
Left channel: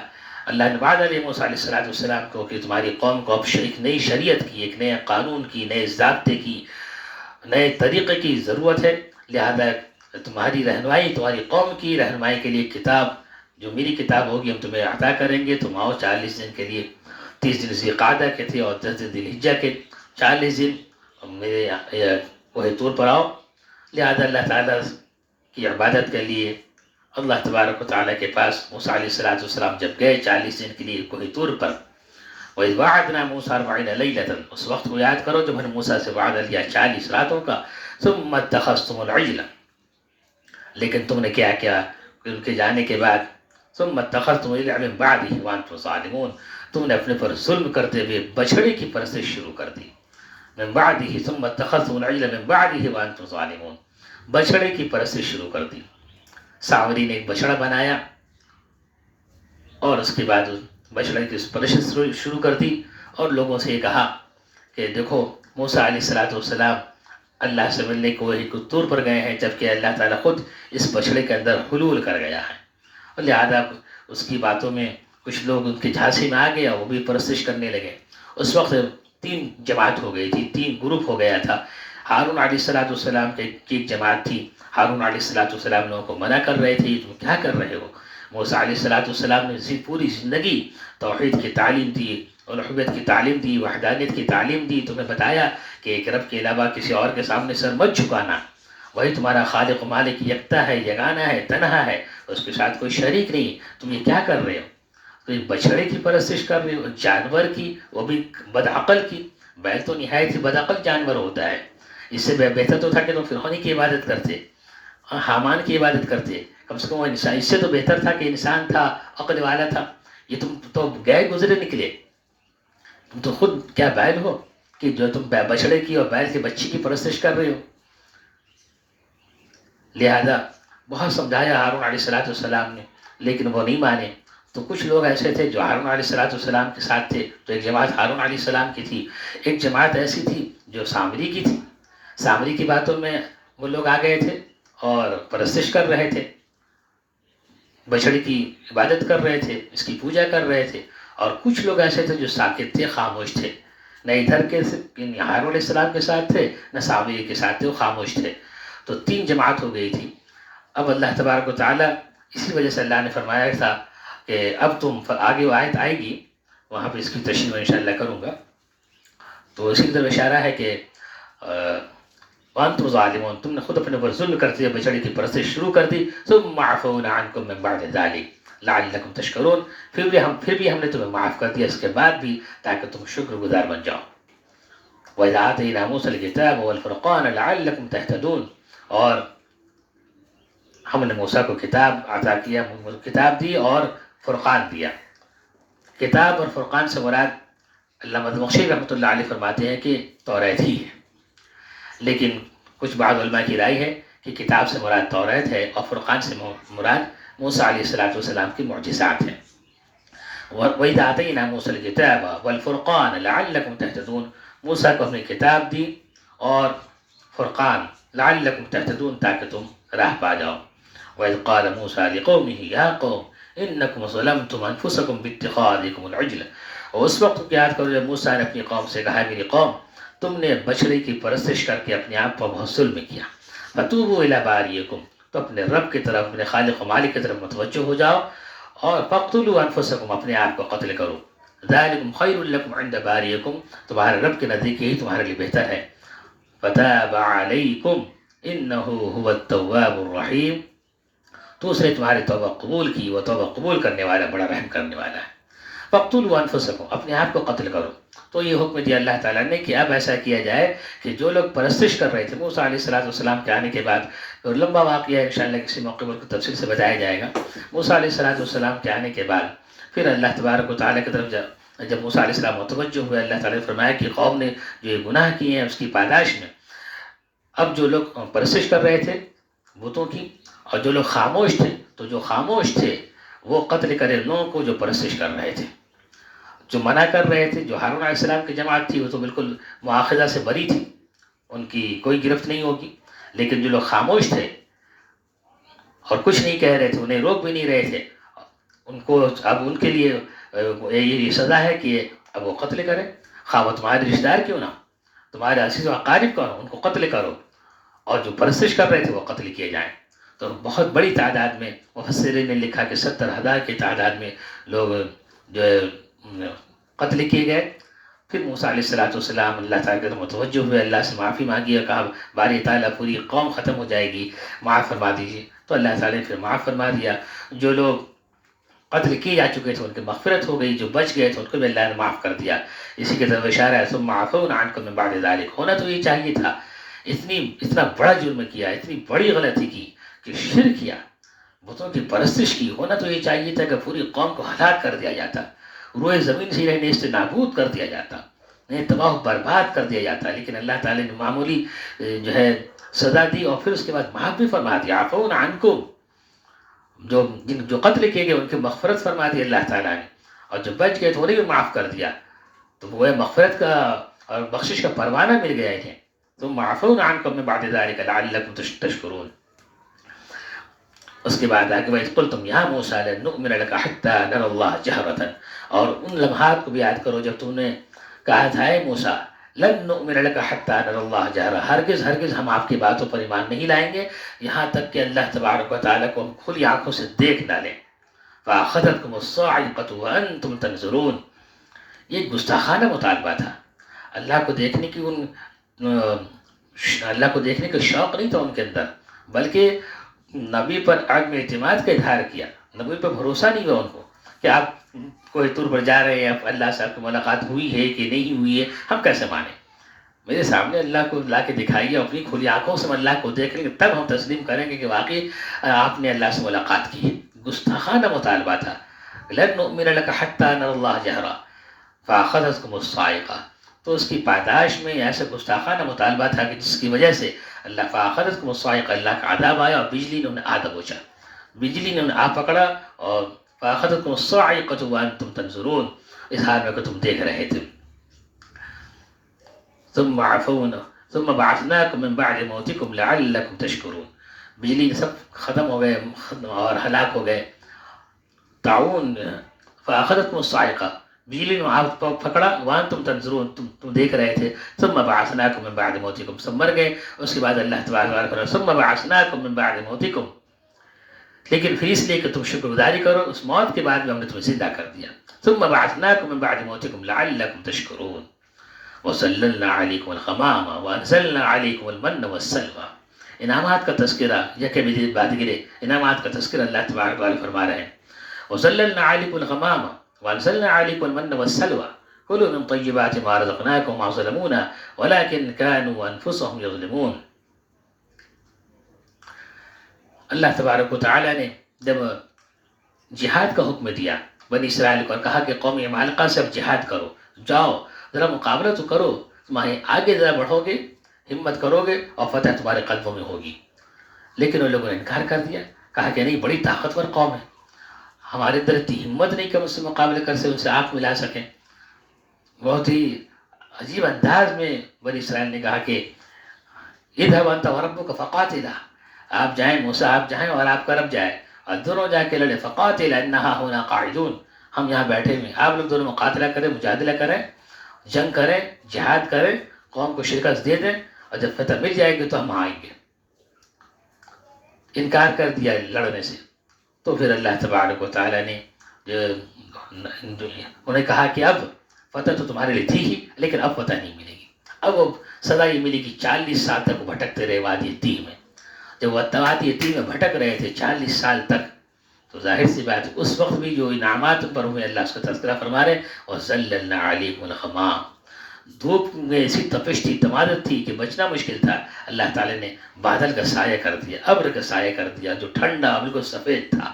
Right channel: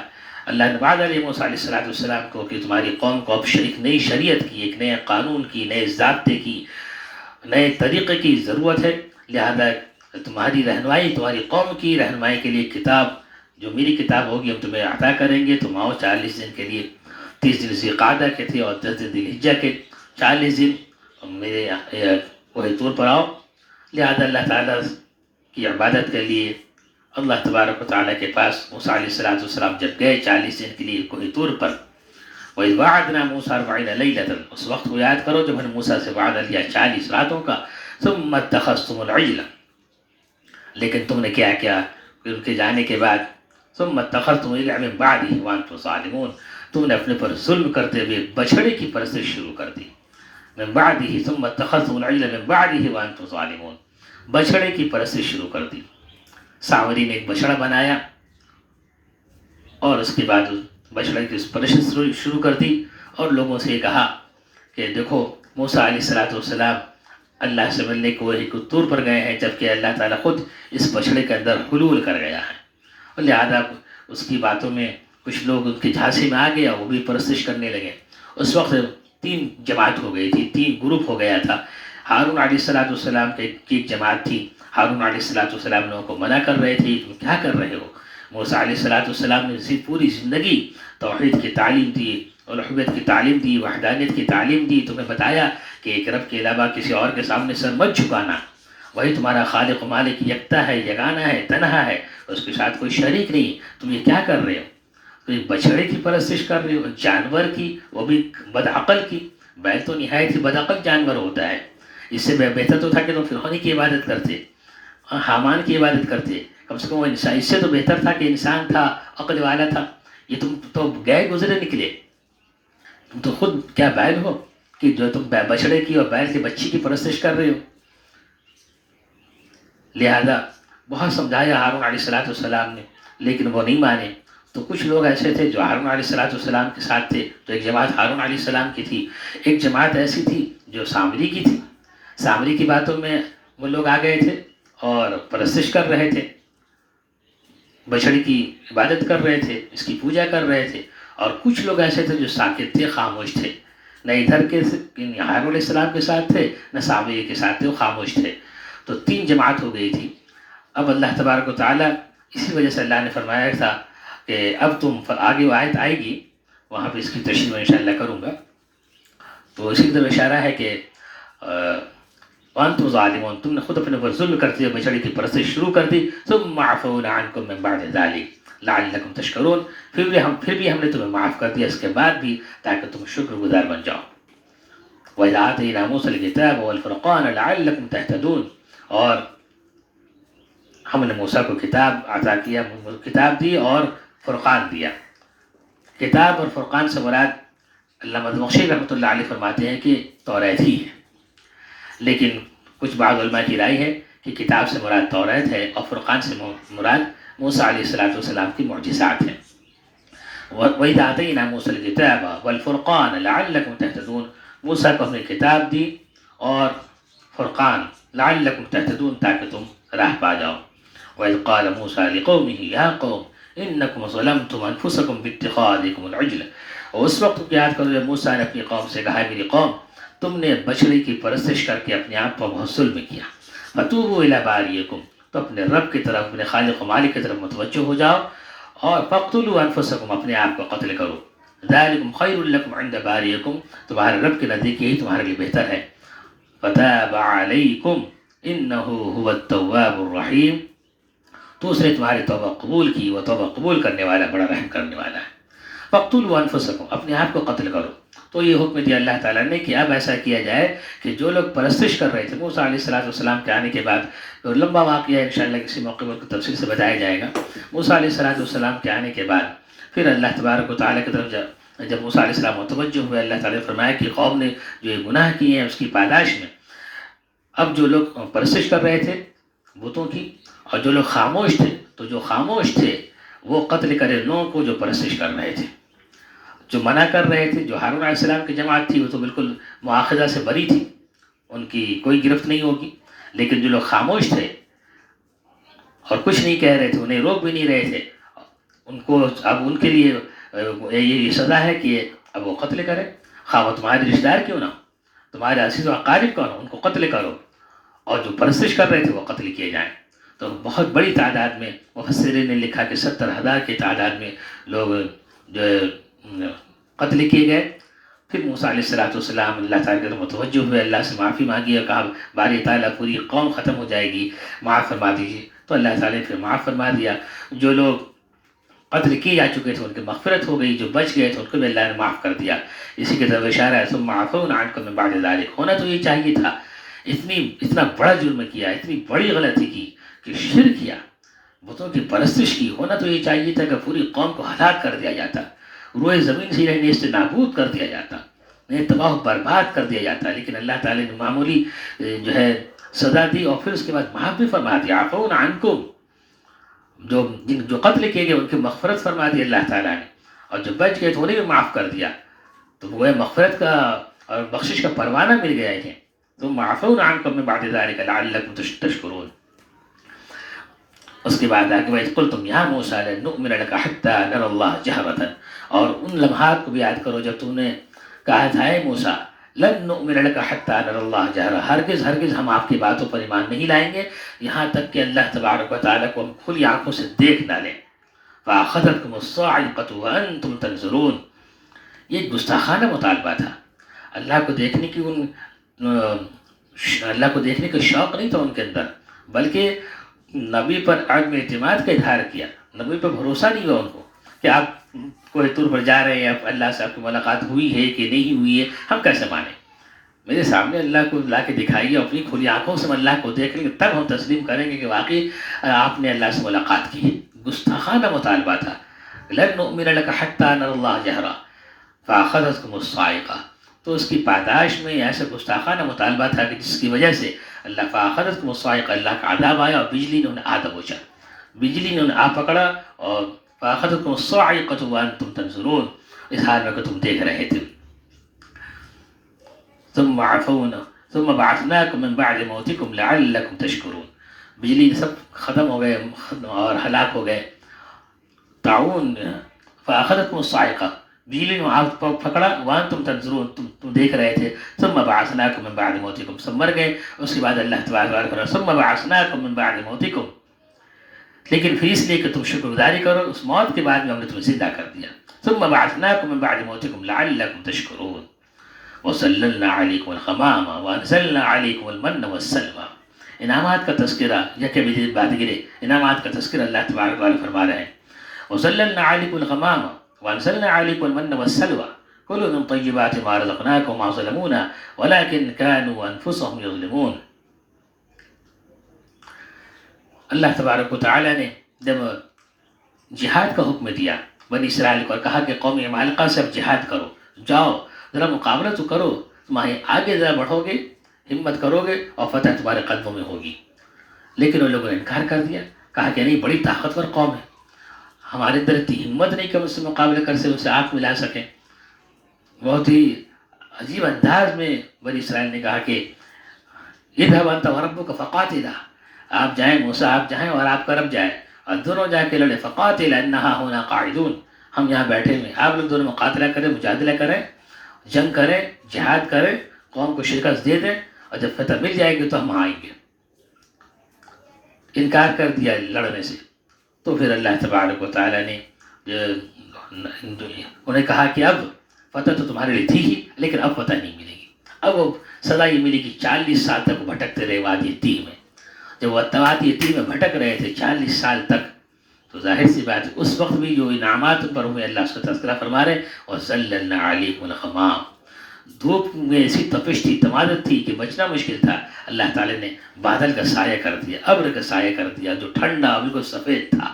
اللہ نے وعدہ لیا موسیٰ علیہ السلام کو کہ تمہاری قوم کو اب ایک نئی شریعت کی، ایک نئے قانون کی، نئے ضابطے کی، نئے طریقے کی ضرورت ہے. لہذا تمہاری رہنمائی، تمہاری قوم کی رہنمائی کے لیے کتاب جو میری کتاب ہوگی ہم تمہیں عطا کریں گے. تم آؤ 40 دن کے لیے، 30 دن ذوالقعدہ کے تھے اور 10 دن ذوالحجہ کے، 40 دن میرے کوہ طور پر آؤ. لہذا اللہ تعالیٰ کی عبادت کے لیے اللہ تبارک و تعالیٰ کے پاس موسیٰ علیہ السلام جب گئے 40 دن کے لیے کوہ طور پر. وَإِذْ وَعَدْنَا مُوسَىٰ 40 لَيْلَةً. اس وقت کو یاد کرو جب ہم نے موسیٰ سے وعدہ لیا 40 راتوں کا. ثُمَّ اتَّخَذْتُمُ الْعِجْلَ. لیکن تم نے کیا کیا ان کے جانے کے بعد؟ ثُمَّ اتَّخَذْتُمُ الْعِجْلَ مِن بَعْدِهِ وَأَنْتُمْ ظَالِمُونَ. تم نے اپنے پر ظلم کرتے ہوئے بچھڑے کی پرستش شروع کر دی. من بعدہ ثم اتخذتم العجل من بعدہ وانتم ظالمون. بچھڑے کی پرستش شروع کر دی. سامری نے ایک بچڑا بنایا اور اس کے بعد بچڑے کی پرستش شروع کر دی اور لوگوں سے یہ کہا کہ دیکھو موسیٰ علیہ السلام اللہ سے ملنے کو ایک طور پر گئے ہیں جبکہ اللہ تعالیٰ خود اس بچڑے کے اندر حلول کر گیا ہے. اور لہذا اس کی باتوں میں کچھ لوگ ان کے جھانسی میں آ گیا، وہ بھی پرستش کرنے لگے. اس وقت 3 جماعت ہو گئی تھی، 3 گروپ ہو گیا تھا. ہارون علیہ السلام کی ایک جماعت تھی. ہارون علیہ السلام لوگوں کو منع کر رہے تھے تم کیا کر رہے ہو. موسیٰ علیہ السلام نے پوری زندگی توحید کی تعلیم دی، الوہیت کی تعلیم دی، وحدانیت کی تعلیم دی. تمہیں بتایا کہ ایک رب کے علاوہ کسی اور کے سامنے سر مت جھکانا، وہی تمہارا خالق و مالک یکتا ہے، یگانہ ہے، تنہا ہے، اس کے ساتھ کوئی شریک نہیں. تم یہ کیا کر رہے ہو؟ تو ایک بچڑے کی پرستش کر رہے ہو، جانور کی، وہ بھی بدعقل کی. بیل تو نہایت ہی بدعقل جانور ہوتا ہے. اس سے بہتر تو تھا کہ تم فرعون کی عبادت کرتے، حامان کی عبادت کرتے. کم سے کم وہ انسان، اس سے تو بہتر تھا کہ انسان تھا، عقل والا تھا. یہ تم تو گئے گزرے نکلے. تم تو خود کیا بیل ہو کہ جو تم بچڑے کی اور بیل کی بچی کی پرستش کر رہے ہو. لہذا بہت سمجھایا ہارون علیہ السلام نے لیکن وہ نہیں مانے. تو کچھ لوگ ایسے تھے جو ہارون علیہ السلام کے ساتھ تھے. تو ایک جماعت ہارون علیہ السلام کی تھی، ایک جماعت ایسی تھی جو سامری کی تھی. سامری کی باتوں میں وہ لوگ آ گئے تھے اور پرستش کر رہے تھے، بچڑی کی عبادت کر رہے تھے، اس کی پوجا کر رہے تھے. اور کچھ لوگ ایسے تھے جو ساکت تھے، خاموش تھے، نہ ادھر کے ہارون علیہ السلام کے ساتھ تھے نہ سامری کے ساتھ تھے، وہ خاموش تھے. تو 3 جماعت ہو گئی تھی. اب اللہ تبارک و تعالیٰ اسی وجہ سے اللہ نے فرمایا تھا کہ اب تم آگے وہ آیت آئے گی، وہاں پہ اس کی تشریح میں انشاءاللہ کروں گا. تو اسی کی طرف اشارہ ہے کہ وانتم ظالمون، تم نے خود اپنے پر ظلم کرتے ہوئے بچڑے کی پرستش شروع کر دی. ثم عفونا عنکم من بعد ذلک لعلکم تشکرون. پھر بھی ہم نے تمہیں معاف کر دیا اس کے بعد بھی تاکہ تم شکر گزار بن جاؤ. وَإِذْ آتَيْنَا مُوسَى الْكِتَابَ وَالْفُرْقَانَ لَعَلَّكُمْ تَهْتَدُونَ. اور ہم نے موسیٰ کو کتاب عطا کیا، کتاب دی اور فرقان دیا. کتاب اور فرقان سے مراد علامہ مدمخشی رحمۃ اللہ علیہ فرماتے ہیں کہ توریت ہی ہے. لیکن کچھ بعض علماء کی رائے ہے کہ کتاب سے مراد توریت ہے اور فرقان سے مراد موسیٰ علیہ السلام کی معجزات ہیں. وَإِذْ آتَيْنَا مُوسَى الْكِتَابَ وَالْفُرْقَانَ لَعَلَّكُمْ تَهْتَدُونَ، موسیٰ کو ہم نے کتاب دی اور فرقان، لعلکم تہتدون، تاکہ تم راہ پا جاؤ۔ وَإِذْ قَالَ مُوسَىٰ لِقَوْمِهِ يَا قَوْمِ إِنَّكُمْ ظَلَمْتُمْ أَنفُسَكُمْ بِاتِّخَاذِكُمُ الْعِجْلَ، اور اس وقت کو یاد کرو جب موسیٰ نے اپنی قوم سے کہا، میری قوم، تم نے بچڑے کی پرستش کر کے اپنے آپ پر بہت ظلم کیا۔ فَتُوبُوا إِلَىٰ بَارِئِكُمْ، تو اپنے رب کی طرف، اپنے خالق و مالک کی طرف متوجہ ہو جاؤ، اور فَاقْتُلُوا أَنفُسَكُمْ، اپنے آپ کو قتل کرو۔ ذَلِكُمْ خَيْرٌ لَكُمْ عِندَ بَارِئِكُمْ، تمہارے رب کے نزدیک یہی تمہارے لیے بہتر ہے۔ فَتَابَ عَلَيْكُمْ إِنَّهُ هُوَ التَّوَّابُ الرَّحِيمُ، تو اس نے تمہاری توبہ قبول کی، وہ توبہ قبول کرنے والا، بڑا رحم کرنے والا ہے۔ فَاقْتُلُوا أَنفُسَكُمْ، اپنے آپ کو قتل کرو۔ تو یہ حکم دیا اللہ تعالیٰ نے کہ اب ایسا کیا جائے کہ جو لوگ پرستش کر رہے تھے موسیٰ علیہ السلام کے آنے کے بعد، اور لمبا واقعہ انشاءاللہ کسی موقع پر تفصیل سے بتایا جائے گا، موسیٰ علیہ السلام کے آنے کے بعد پھر اللہ تبارک و تعالیٰ کی طرف جب موسیٰ علیہ السلام متوجہ ہوئے، اللہ تعالیٰ نے فرمایا کہ قوم نے جو یہ گناہ کیے ہیں اس کی پاداش میں اب جو لوگ پرستش کر رہے تھے بتوں کی، اور جو لوگ خاموش تھے، تو جو خاموش تھے وہ قتل کرے لوگوں کو جو پرستش کر رہے تھے۔ جو منع کر رہے تھے، جو ہارون علیہ السلام کی جماعت تھی، وہ تو بالکل مواخذہ سے بری تھی، ان کی کوئی گرفت نہیں ہوگی، لیکن جو لوگ خاموش تھے اور کچھ نہیں کہہ رہے تھے، انہیں روک بھی نہیں رہے تھے، ان کو اب ان کے لیے یہ سزا ہے کہ اب وہ قتل کرے، خواہ وہ تمہارے رشتہ دار کیوں نہ ہو، تمہارے عزیز و اقارب کون ہو، ان کو قتل کرو، اور جو پرستش کر رہے تھے وہ قتل کیے جائیں۔ تو بہت بڑی تعداد میں مفسرین نے لکھا کہ 70,000 کی تعداد میں لوگ جو قتل کیے گئے۔ پھر موسیٰ علیہ السلام اللہ تعالیٰ کے متوجہ ہوئے، اللہ سے معافی مانگی اور کہا باری تعالیٰ پوری قوم ختم ہو جائے گی، معاف فرما دیجیے۔ تو اللہ تعالیٰ نے پھر معاف فرما دیا، جو لوگ قتل کیے جا چکے تھے ان کی مغفرت ہو گئی، جو بچ گئے تھے ان کو بھی اللہ نے معاف کر دیا۔ اسی کے طرف اشارہ ہے ثم عفونا عنکم من بعد ذلک، ہونا تو یہ چاہیے تھا، اتنا بڑا جرم کیا، اتنی بڑی غلطی کی کہ شرک کیا، بتوں کی پرستش کی، ہونا تو یہ چاہیے تھا کہ پوری قوم کو ہلاک کر دیا جاتا، روئے زمین سے انہیں اس سے نابود کر دیا جاتا، انہیں تباہ و برباد کر دیا جاتا، لیکن اللہ تعالیٰ نے معمولی جو ہے سزا دی اور پھر اس کے بعد معاف بھی فرما دیا۔ عفونا عنکم، جو قتل کیے گئے ان کی مغفرت فرما دی اللہ تعالیٰ نے، اور جو بچ گئے تو انہیں بھی معاف کر دیا، تو وہ مغفرت کا اور بخشش کا پروانہ مل گیا ہے۔ ثم عفونا عنکم من بعد ذلک لعلکم تشکرون۔ اس کے بعد آگے وَإِذْ قُلْتُمْ يَا مُوسَىٰ لَن نُؤْمِنَ لَكَ حَتَّىٰ نَرَى اللَّهَ جَهْرَةً، اور ان لمحات کو بھی یاد کرو جب تم نے کہا تھا اے موسیٰ لن نؤمن لك حتى نرى الله جهرا، ہرگز ہم آپ کی باتوں پر ایمان نہیں لائیں گے یہاں تک کہ اللہ تبارک و تعالیٰ کو ہم کھلی آنکھوں سے دیکھ نہ لیں۔ فَأَخَذَتْكُمُ الصَّاعِقَةُ وَأَنْتُمْ تَنظُرُونَ، یہ ایک گستاخانہ مطالبہ تھا، اللہ کو دیکھنے کی اللہ کو دیکھنے کا شوق نہیں تھا ان کے اندر، بلکہ نبی پر عدم اعتماد کا اظہار کیا، نبی پر بھروسہ نہیں ہوا ان کو کہ آپ کوئی طور پر جا رہے ہیں، اللہ سے آپ کی ملاقات ہوئی ہے کہ نہیں ہوئی ہے، ہم کیسے مانیں؟ میرے سامنے اللہ کو لا کے دکھائیے، اپنی کھلی آنکھوں سے اللہ کو دیکھ لیں گے تب ہم تسلیم کریں گے کہ واقعی آپ نے اللہ سے ملاقات کی ہے۔ گستاخانہ مطالبہ تھا، لن نؤمن لك حتى نرى الله جهرا فأخذتكم الصاعقة، تو اس کی پاداش میں ایسا گستاخانہ مطالبہ تھا کہ جس کی وجہ سے اللہ فأخذتكم الصاعقة، اللہ کا عذاب آیا اور بجلی نے انہیں آ دبوچا، بجلی نے انہیں آ پکڑا، اور فأخذتكم الصاعقة وأنتم تنظرون، اس حال میں کہ تم دیکھ رہے تھے۔ ثم عفونا ثم بعثناكم من بعد موتكم لعلكم تشكرون، بجلی سب ختم ہو گئے اور ہلاک ہو گئے، تعاون فأخذتكم الصاعقة، بجلی نے آپ کو پکڑا، وانتم تنظرون، تم دیکھ رہے تھے، ثم بعثناكم من بعد موتكم، سب مر گئے، اس کے بعد اللہ تبارک و تعالی ثم بعثناكم من بعد موتكم، لیکن پھر اس لیے کہ تم شکر گزاری کرو، اس موت کے بعد میں ہم نے تمہیں زندہ کر دیا۔ ثم بعثناكم من بعد موتكم لعلكم تشكرون وَسَلَّلْنَا عَلَيْكُمُ الْغَمَامَ وَأَنزَلْنَا عَلَيْكُمُ الْمَنَّ وَالسَّلْوَىٰ، انعامات کا تذکرہ، یکے مجید بات گرے، انعامات کا تذکرہ اللہ تبارک و تعالی فرما رہے ہیں۔ وَسَلَّلْنَا عَلَيْكُمُ الْغَمَامَ وَأَنزَلْنَا عَلَيْكُمُ الْمَنَّ وَالسَّلْوَىٰ كُلُوا مِن طَيِّبَاتِ مَا رَزَقْنَاكُمْ وَمَا ظَلَمُونَا وَلَٰكِن كَانُوا أَنفُسَهُمْ يَظْلِمُونَ۔ اللہ تبارک و تعالی نے جب جہاد کا حکم دیا بنی اسرائیل کو اور کہا کہ قوم عمالقہ سے اب جہاد کرو، جاؤ ذرا مقابلہ تو کرو، تمہیں آگے ذرا بڑھو گے، ہمت کرو گے اور فتح تمہارے قدموں میں ہوگی، لیکن ان لوگوں نے انکار کر دیا، کہا کہ نہیں، بڑی طاقتور قوم ہے، ہمارے اندر اتنی ہمت نہیں کہ ہم اس سے مقابلہ کر سے ان سے آنکھ ملا سکیں. بہت ہی عجیب انداز میں بنی اسرائیل نے کہا کہ اذهب انت وربك فقاتلا، آپ جائیں موسیٰ، آپ جائیں اور آپ کا رب جائے، اور دونوں جا کے لڑے. فقاتل انہا ہونا قاعدون، ہم یہاں بیٹھے ہوئے، آپ لوگ دونوں مقاتلہ کریں، مجادلہ کریں، جنگ کریں، جہاد کریں، قوم کو شکست دے دیں، اور جب فتح مل جائے گی تو ہم آئیں گے. انکار کر دیا لڑنے سے. تو پھر اللہ تبارک و تعالیٰ نے انہیں کہا کہ اب فتح تو تمہارے لیے تھی ہی، لیکن اب فتح نہیں ملے گی. اب وہ سزا یہ ملے گی 40 سال تک بھٹکتے رہے وادی تیہ میں. جب وہ وادی تیہ میں بھٹک رہے تھے 40 سال تک، تو ظاہر سی بات ہے اس وقت بھی جو انعامات پر ہوئے اللہ اس کا تذکرہ فرما رہے. وَظَلَّلْنَا عَلَيْكُمُ الْغَمَامَ، دھوپ میں ایسی تپش تھی، تمادت تھی کہ بچنا مشکل تھا. اللہ تعالیٰ نے بادل کا سایہ کر دیا، ابر کا سایہ کر دیا جو ٹھنڈا بالکل سفید تھا.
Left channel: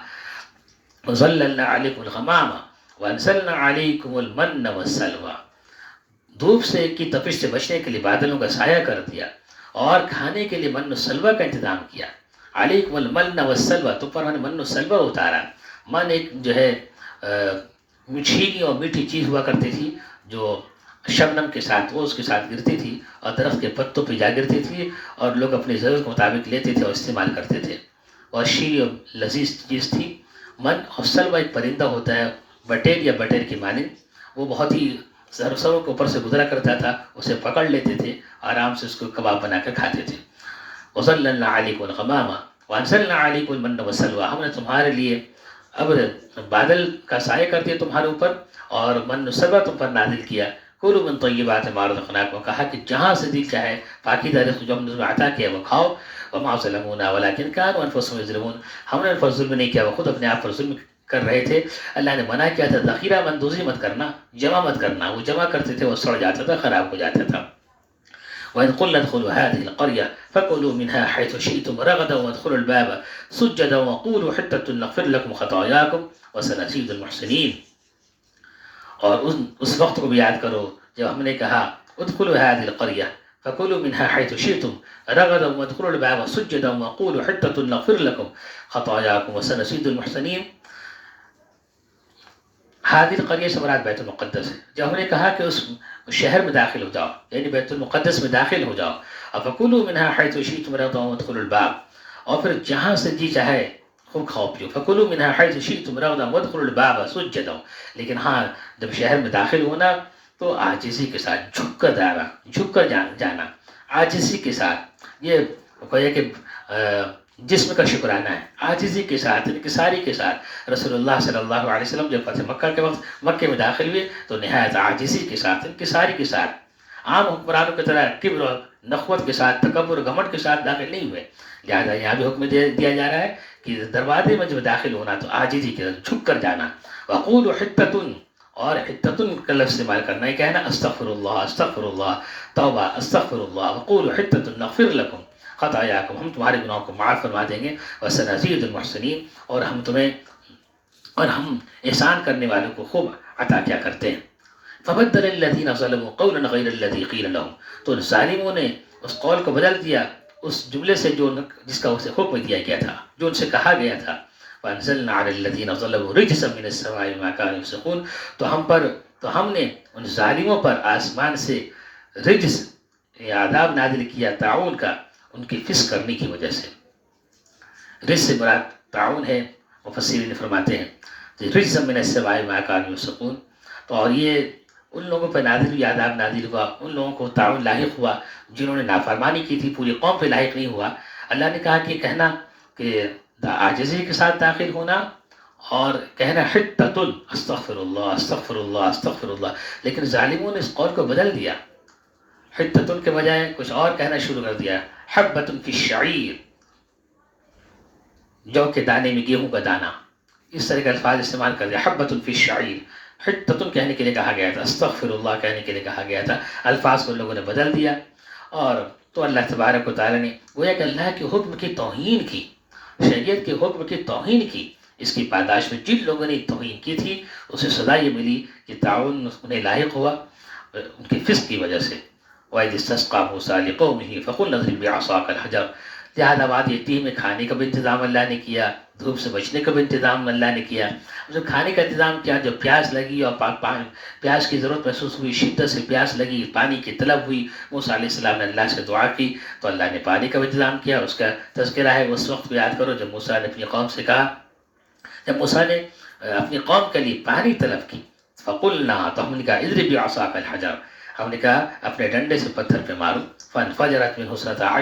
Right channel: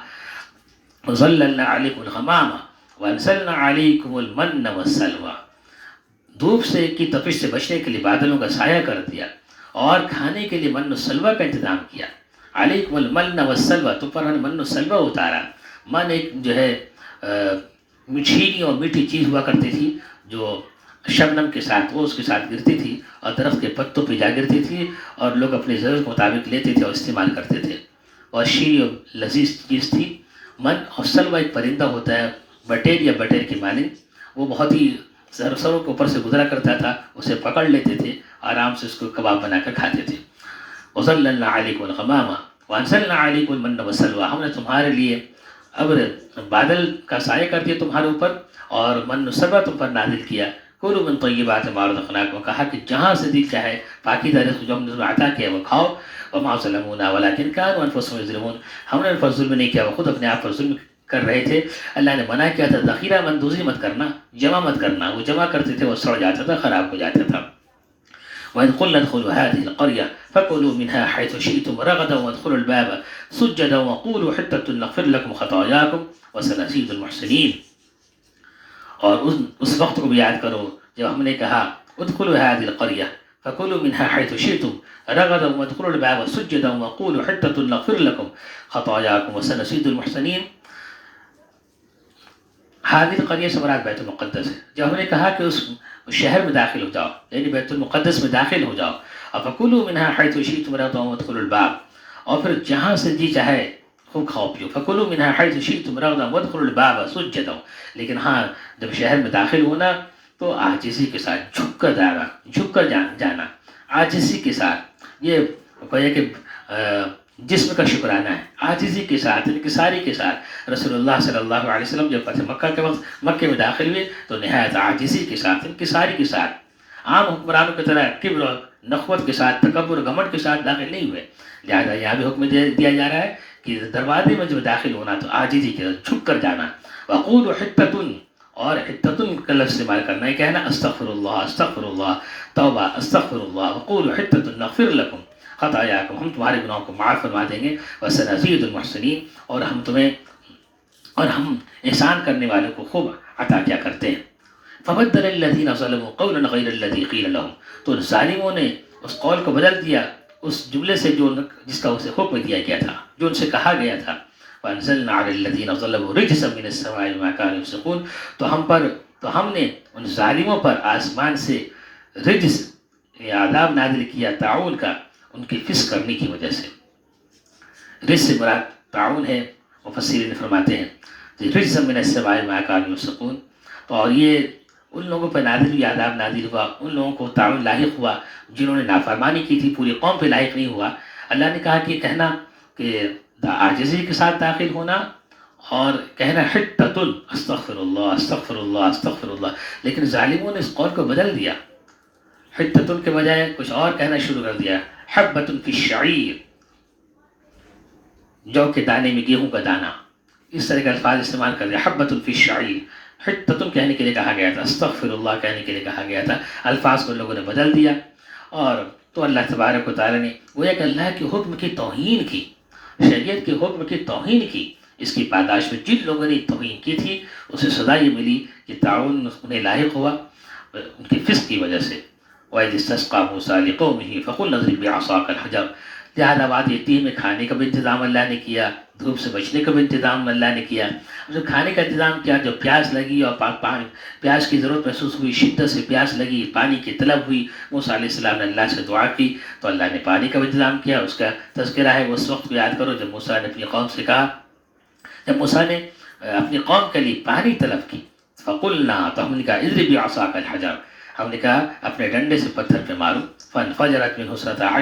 وَظَلَّلْنَا عَلَيْكُمُ الْغَمَامَ وَأَنزَلْنَا عَلَيْكُمُ الْمَنَّ وَالسَّلْوَىٰ، دھوپ سے کی تپش سے بچنے کے لیے بادلوں کا سایہ کر دیا، اور کھانے کے لیے من و سلوہ کا انتظام کیا. علیکم المن والسلوہ، تو پر ہم نے من و سلوہ اتارا. من ایک جو ہے میٹھی اور میٹھی چیز ہوا کرتی تھی جو شبنم کے ساتھ وہ اس کے ساتھ گرتی تھی اور درخت کے پتوں پہ جا گرتی تھی، اور لوگ اپنی ضرورت کے مطابق لیتے تھے اور استعمال کرتے تھے، اور شیریں اور لذیذ چیز تھی. من اور سلوہ ایک پرندہ ہوتا ہے بٹیر یا بٹیر کی مانند، وہ بہت ہی سروں کے اوپر سے گزرا کرتا تھا، اسے پکڑ لیتے تھے، آرام سے اس کو کباب بنا کر کھاتے تھے. وَظَلَّلْنَا عَلَيْكُمُ الْغَمَامَ وَأَنزَلْنَا عَلَيْكُمُ الْمَنَّ وَالسَّلْوَىٰ، ہم نے تمہارے لیے ابر بادل کا سایہ کر دیا تمہارے اوپر، اور من و سلوہ تم پر نازل کیا. کلوا من طیبات ما رزقناکم، کہا کہ جہاں سے دل چاہے پاکیزہ رزق جو ہم نے تمہیں عطا کیا وہ کھاؤ. وما ظلمونا ولكن كانوا انفسهم يظلمون، ہم نے ان پر ظلم نہیں کیا، وہ خود اپنے آپ پر ظلم کر رہے تھے. اللہ نے منع کیا تھا ذخیرہ مندوزی مت کرنا، جمع مت کرنا. وہ جمع کرتے تھے وہ سڑ جاتا تھا، خراب ہو جاتا تھا. وَإِذْ قُلْنَا ادْخُلُوا هَٰذِهِ الْقَرْيَةَ فَكُلُوا مِنْهَا حَيْثُ شِئْتُمْ رَغَدًا وَادْخُلُوا الْبَابَ سُجَّدًا وَقُولُوا حِطَّةٌ نَغْفِرْ لَكُمْ خَطَايَاكُمْ وَسَنَزِيدُ الْمُحْسِنِينَ. اور اس وقت کو بھی یاد کرو جب ہم نے کہا ادخلوا هذه القرية فكلوا منها حيث شئتم رغدا وادخلوا الباب سجدا وقولوا حطة نغفر لكم خطاياكم وسنزيد المحسنين. هذه القرية سے مراد بیت المقدس ہے. جب ہم نے کہا کہ اس شہر میں داخل ہو جاؤ، یعنی بیت المقدس میں داخل ہو جاؤ، فكلوا منها حيث شئتم رغدا وادخلوا الباب، اور پھر جہاں سے جی چاہے خوب کھاؤ پیو. فكلوا منها حيث شئتم رغدا وادخلوا الباب سجدا، لیکن ہاں جب شہر میں داخل ہونا تو عاجزی کے ساتھ جھک کر جانا عاجزی کے ساتھ. یہ کوئی کہ جسم کا شکرانہ ہے، عاجزی کے ساتھ، انکساری کے ساتھ. رسول اللہ صلی اللہ علیہ وسلم جب فتح مکہ کے وقت مکے میں داخل ہوئے تو نہایت عاجزی کے ساتھ، انکساری کے ساتھ، عام حکمرانوں کی طرح کبر، نخوت کے ساتھ، تکبر، گھمنڈ کے ساتھ داخل نہیں ہوئے. لہٰذا یہاں بھی حکم دیا جا رہا ہے کہ دروازے میں جب داخل ہونا تو عاجزی کے ساتھ جھک کر جانا. وقولوا حطۃ، اور حطۃ کا لفظ استعمال کرنا ہے، کہنا استغفر اللہ، استغفر اللہ، توبہ، استغفر اللہ. وقولوا حطۃ نغفر لکم خطایاکم، ہم تمہارے گناہوں کو معاف فرما دیں گے. وسنزید المحسنین، اور ہم احسان کرنے والوں کو خوب عطا کیا کرتے ہیں. فبدل الذین ظلموا قولا غیر الذی قیل لهم، تو ظالموں نے اس قول کو بدل دیا اس جملے سے جس کا اسے حکم دیا گیا تھا، جو ان سے کہا گیا تھا. وَأَنزَلْنَا عَلَى الَّذِينَ ظَلَمُوا رِجْزًا مِّنَ السَّمَاءِ بِمَا كَانُوا يَفْسُقُونَ، تو ہم نے ان ظالموں پر آسمان سے رجز یا عذاب نازل کیا طاعون کا، ان کی فسق کرنے کی وجہ سے. رجز سے مراد طاعون ہے، مفسرین فرماتے ہیں رجزا من السماء بما كانوا يفسقون. تو اور یہ ان لوگوں پہ نازل ہوئی، عذاب نازل ہوا، ان لوگوں کو طاعون لاحق ہوا جنہوں نے نافرمانی کی تھی، پوری قوم پہ لاحق نہیں ہوا. اللہ نے کہا کہ کہنا کہ عاجزی کے ساتھ داخل ہونا، اور کہنا حطۃ استغفر اللہ، استغفر اللہ، استغفر اللہ. لیکن ظالموں نے اس قول کو بدل دیا، حطۃ کے بجائے کچھ اور کہنا شروع کر دیا. حبۃ فی الشعیر، جو کے دانے میں گیہوں کا دانہ، اس طرح کے الفاظ استعمال کر دیا. حبۃ فی الشعیر، حطۃ کہنے کے لیے کہا گیا تھا، استغفر اللہ کہنے کے لیے کہا گیا تھا. الفاظ کو لوگوں نے بدل دیا. اور تو اللہ تبارک و تعالیٰ نے گویا کہ اللہ کے حکم کی توہین کی، شریعت کے حکم کی توہین کی. اس کی پاداش میں جن لوگوں نے توہین کی تھی اسے سزا یہ ملی کہ طاعون انہیں لاحق ہوا ان کے فسق کی وجہ سے. وَإِذِ اسْتَسْقَىٰ مُوسَىٰ لِقَوْمِهِ فَقُلْنَا اضْرِب بِّعَصَاكَ الْحَجَرَ، جہاد آباد یتیم میں کھانے کا بھی انتظام اللہ نے کیا، دھوپ سے بچنے کا بھی انتظام اللہ نے کیا. جو کھانے کا انتظام کیا، جو پیاس لگی اور پانی پیاس کی ضرورت محسوس ہوئی، شدت سے پیاس لگی، پانی کی طلب ہوئی، موسیٰ علیہ السلام نے اللہ سے دعا کی تو اللہ نے پانی کا بھی انتظام کیا. اس کا تذکرہ ہے اس وقت کو یاد کرو جب موسیٰ نے اپنی قوم سے کہا، جب موسیٰ نے اپنی قوم کے لیے پانی طلب کی، فقلنا، تو ہم نے کہا اضرب بعصاک الحجر، ہم نے کہا اپنے ڈنڈے سے پتھر پہ مارو، فانفجرت منہ اثنتا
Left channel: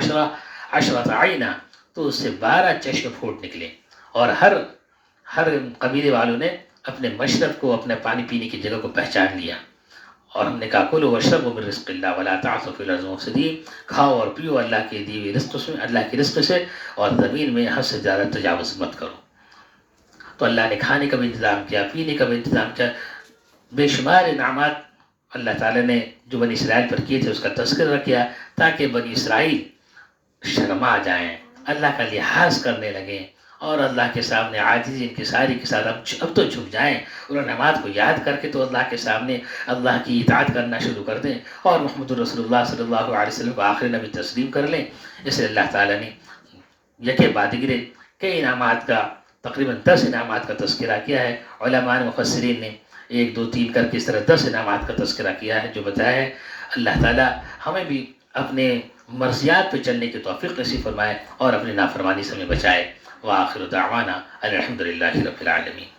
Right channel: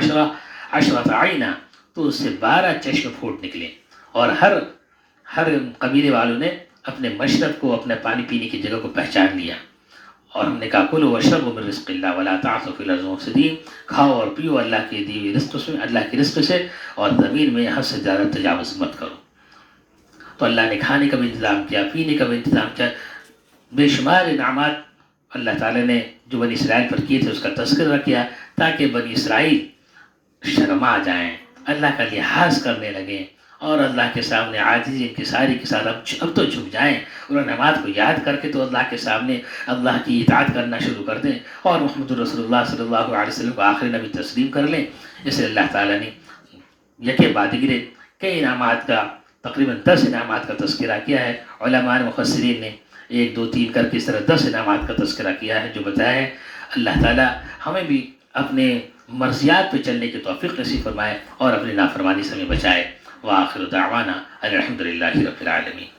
عشرۃ عینا، تو اس سے 12 چشم پھوٹ نکلے. اور ہر قبیلے والوں نے اپنے مشرب کو، اپنے پانی پینے کی جگہ کو پہچان لیا. اور ہم نے کہا کلوا واشربوا من رزق اللہ ولا تعثوا فی الارض مفسدین، کھاؤ اور پیو اللہ کے دی ہوئی رزق سے، اللہ کی رزق سے، اور زمین میں حد سے زیادہ تجاوز مت کرو. تو اللہ نے کھانے کا بھی انتظام کیا، پینے کا بھی انتظام کیا. بے شمار انعامات اللہ تعالیٰ نے جو بنی اسرائیل پر کیے تھے اس کا تذکرہ کیا تاکہ بنی اسرائیل شرما جائیں، اللہ کا لحاظ کرنے لگیں اور اللہ کے سامنے عاجزی انکساری کے ساتھ اب تو جھک جائیں. انہوں نے نماز کو یاد کر کے تو اللہ کے سامنے اللہ کی اطاعت کرنا شروع کر دیں اور محمد رسول اللہ صلی اللہ علیہ وسلم کو آخری نبی تسلیم کر لیں. اس لیے اللہ تعالیٰ نے یکے بعد دیگرے کئی انعامات کا، تقریباً 10 انعامات کا تذکرہ کیا ہے. علماء مفسرین نے 1 2 3 کر کے اس طرح 10 انعامات کا تذکرہ کیا ہے جو بتایا ہے. اللہ تعالیٰ ہمیں بھی اپنے مرضیات پہ چلنے کی توفیق نصیب فرمائے اور اپنی نافرمانی سے ہمیں بچائے. وآخر دعوانا الحمد للہ رب العالمین.